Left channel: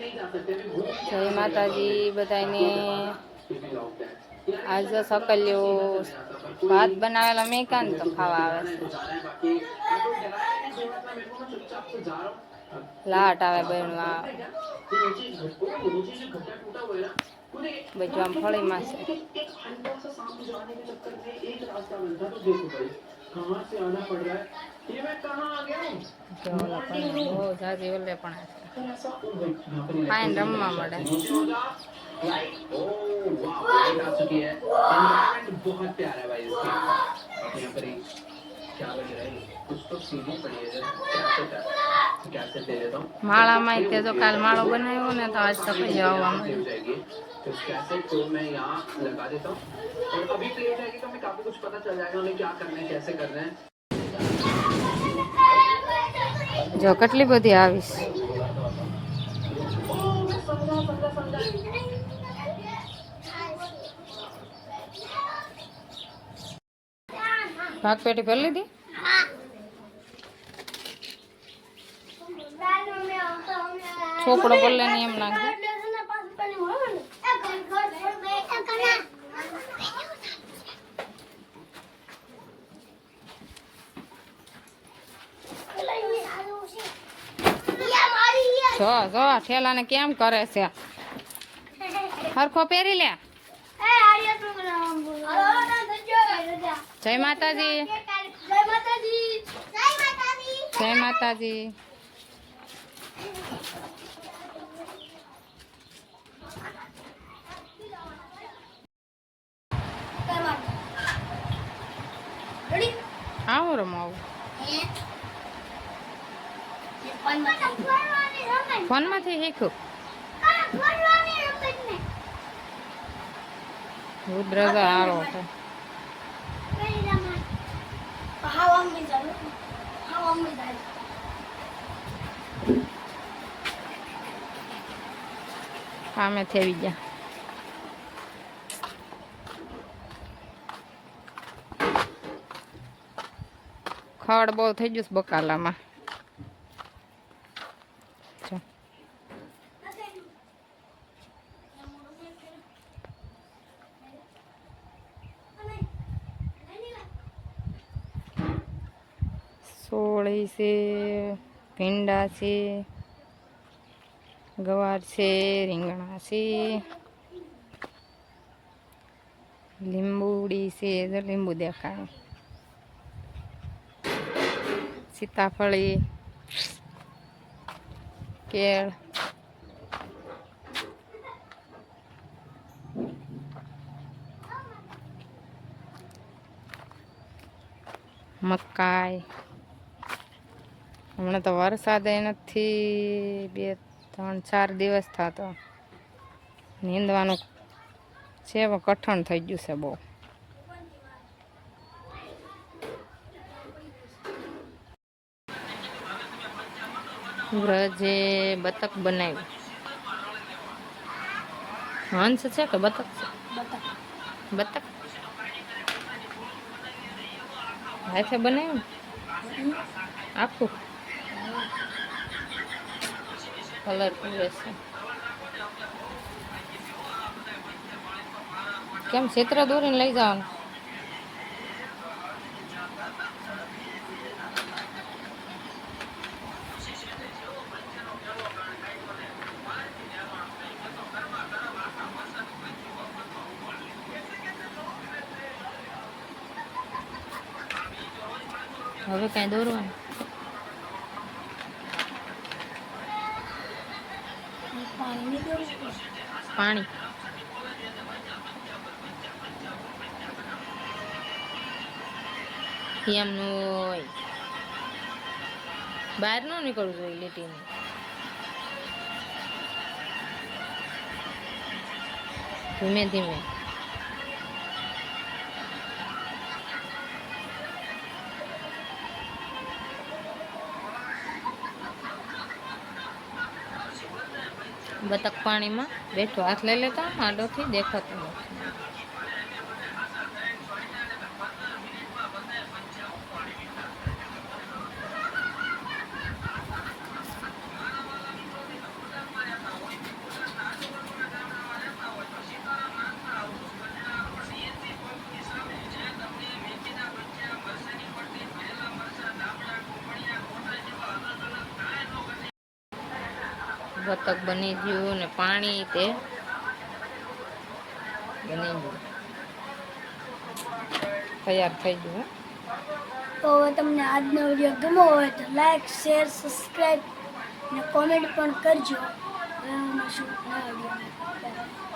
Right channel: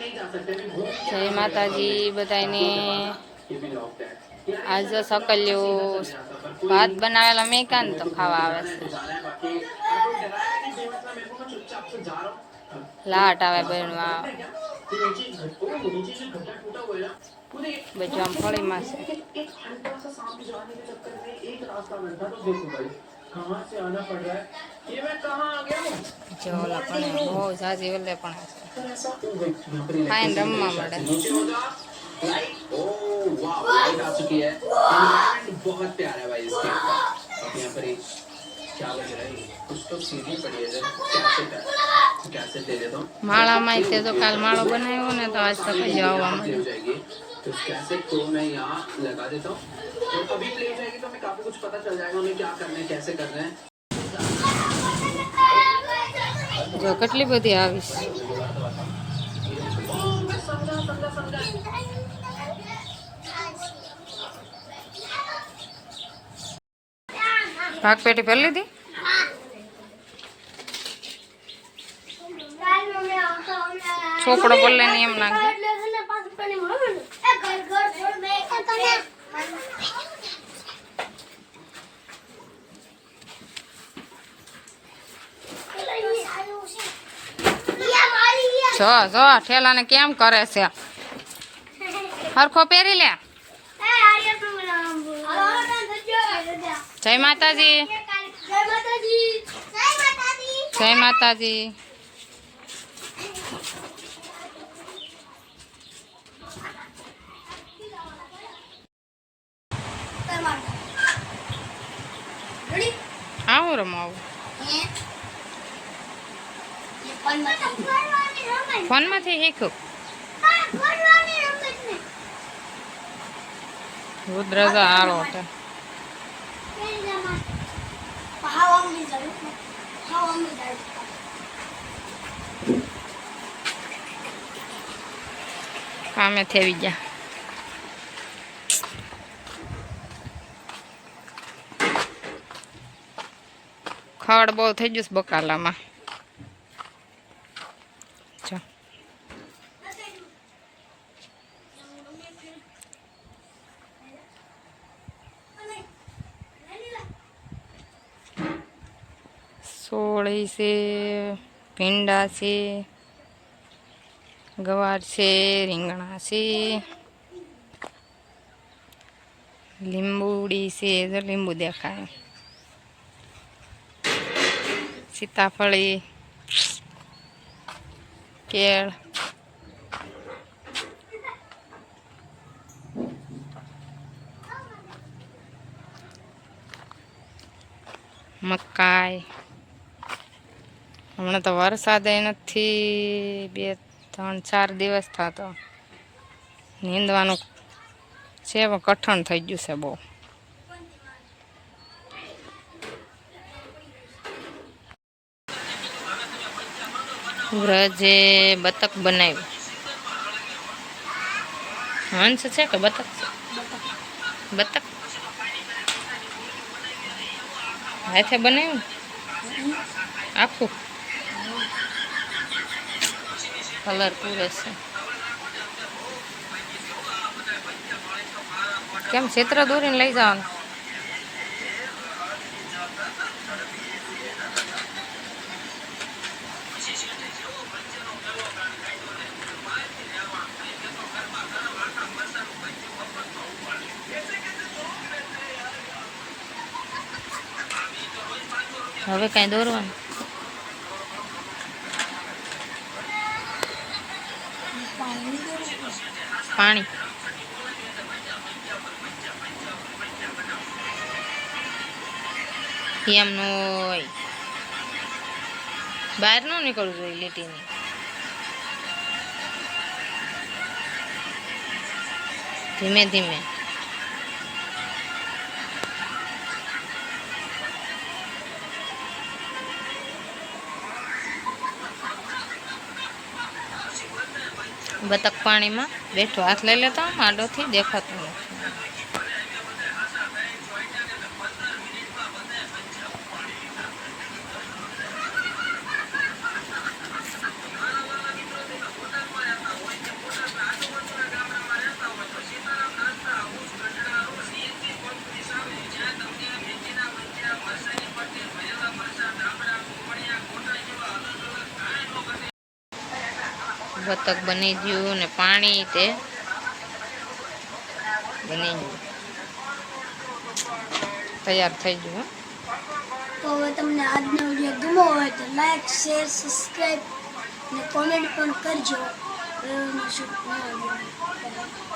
जय माताजी बताइने आज सकल्यो भात बनावेला मैं कान तो खावा आवे छे लाट आवे बणवा बजवाम फळी માં છે જો ઓલા પણ બહુ જાજી ઓલે પણ છે ફાઈન રમવા મળે बहुत प्यारा है भाई इसके यहाँ पर क्या बज रहा है कुछ तो सीधी पड़ी है कैसे दे देता हूँ माला में ते तो काल मालो बनायो ने तो आज तक जावा में हो जाएगी तो कैसे तो मैं यहाँ लगा देता हूँ तो अभी प्ले हो जाएगी तो हमें काफी कुछ पता चल जाएगा उन्हें क्या करना है कैसे करना है जो કેટલી બધી આવીશ भाग पेटी भर ली थी छोकड़ो बोल लेनी एम नाख जो जो ठेला ने केम करे से हरखो पेरी ले जय माताजी जय माताजी जय माताजी आओ रमाओ फोन में थी हीखो रुद्रजा आरो होता कामे थे गया खड़ बहुत थी जूस बकाला में सोड़ी से भींडा से गवार से રીંગણા से લીંબુડી से जो લીંબુ દેખાય सीताफળી केळ मकाई हमने तो वरसाद नहीं 2-3-4 दिवस था तो नींदवानुं छे कठण थई गयुं छे बहु व्रजे बतक बनाव्યું हंस છે કે બતક છે બતક હાથે બનાવ્યું આખું कलर पूरे से केम क्षेत्र दूरी लई जाओ हवे कहीं दौरवा पानी एम नो बहार न निकलू जो लीटी धीमे धीमे बतक पानी में बैठो हाथ लई लेता हूँ आडो थी देखातो नहीं બતક બની ગયું ને પાણી તે બની ગયું, તૈયાર થઈ ગયું. તો હવે તમને આજનો વિડીયો ગમ્યો હોય તો લાઈક, શેર, સબસ્ક્રાઈબ ને કોમેન્ટ પણ કરજો. હવે શું નવા વિડીયો